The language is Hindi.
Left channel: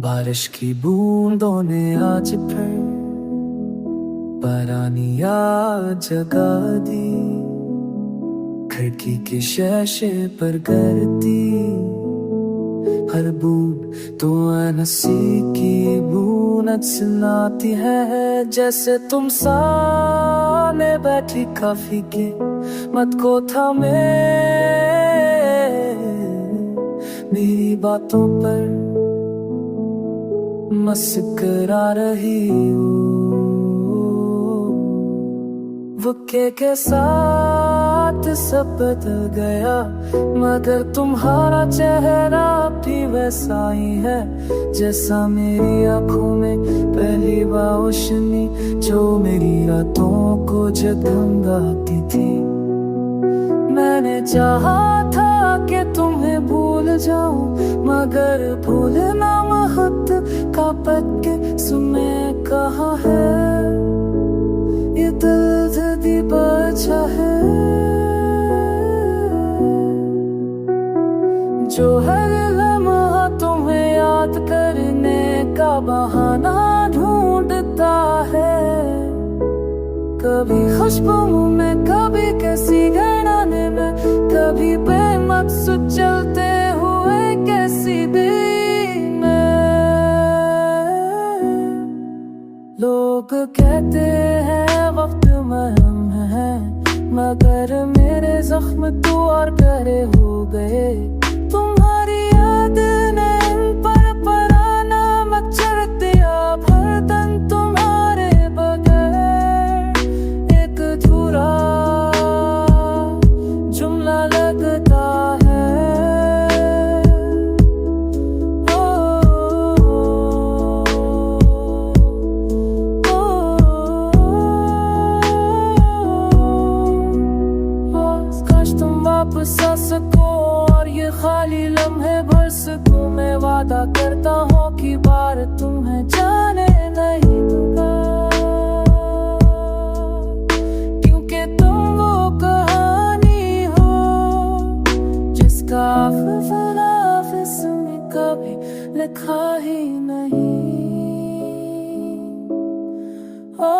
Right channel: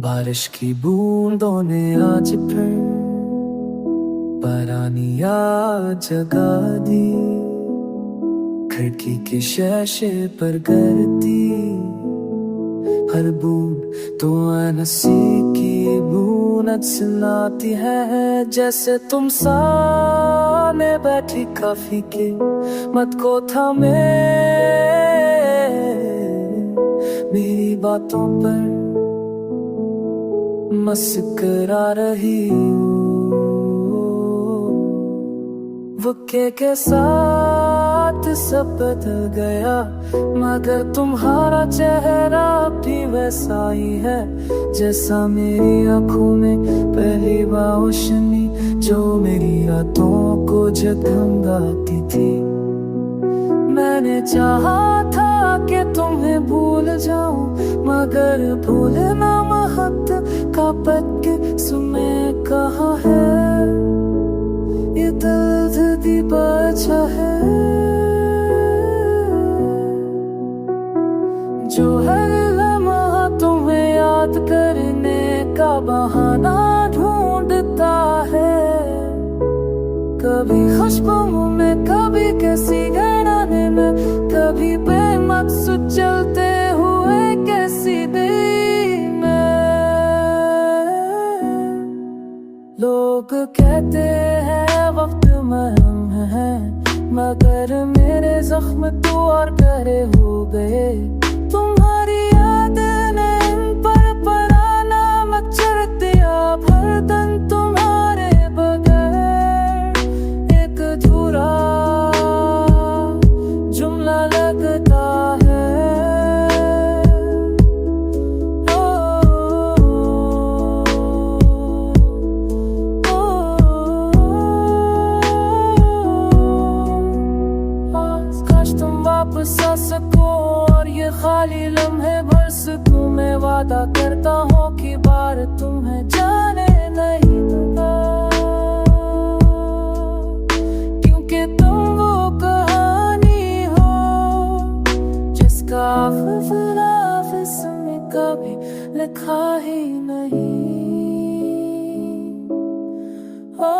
बारिश की बूंदों ने आज फिर पुरानी याद जगा दी। खिड़की के शीशे पर गिरती हर बूंद तो नसी की बूंद सुनाती है। जैसे तुम सामने बैठी काफी के मत को थामे, मेरी बातों पर मुस्कुरा रही हो। वक़्त के साथ सब बदल गया, मगर तुम्हारा चेहरा भी वैसा ही है जैसा मेरी आंखों में पहली रोशनी जो मेरी रातों को जगमगाती थी। मैंने चाहा था कि तुम्हें भूल जाऊं, मगर भूलना महत का पद सुने कहा है। ये दर्द दी बचा है जो हर लम्हा तुम्हें याद करने का बहाना ढूंढता है। कभी खुशबू में, कभी किसी घराने में, कभी बेमकसद चलते हुए कैसी दिन में। लोग कहते हैं वक्त मरहम है, मगर मेरे जख्म तो और गहरे हो गए। तुम्हारी याद ने इन पर पराना मत छिड़क दिया, बर्तन तुम्हारे बगैर एक अधूरा जुमला लगता है। काश तुम वापस आ सको और ये खाली लम्हे भर सको। मैं वादा करता हूँ कि बार तुम्हें जाने नहीं दूंगा, क्योंकि तुम वो कहानी हो जिसका हाफिज़ में कभी लिखा ही नहीं हो।